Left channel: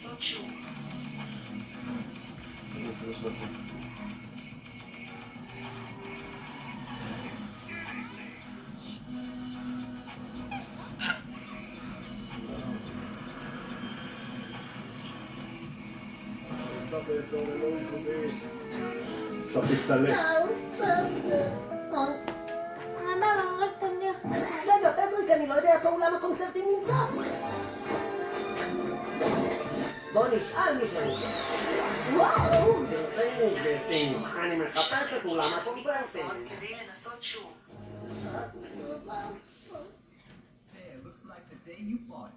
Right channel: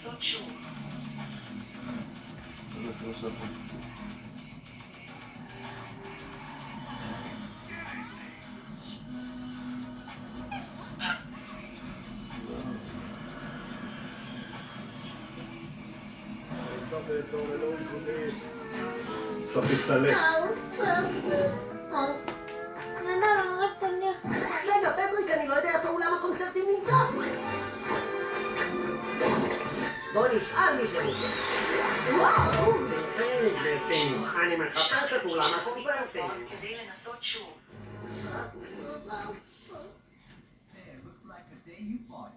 לנסות שוב. עכשיו תסתלק. רגע, פטריק, אני לא יודע איפה אולם הקונצרטים נמצא. בוא נשאל מישהו. וואו! תלכי, גברתי, אני מחפש את אולם הקונצרטים. כדי לנסות שוב. Hey, it looks like the day you bought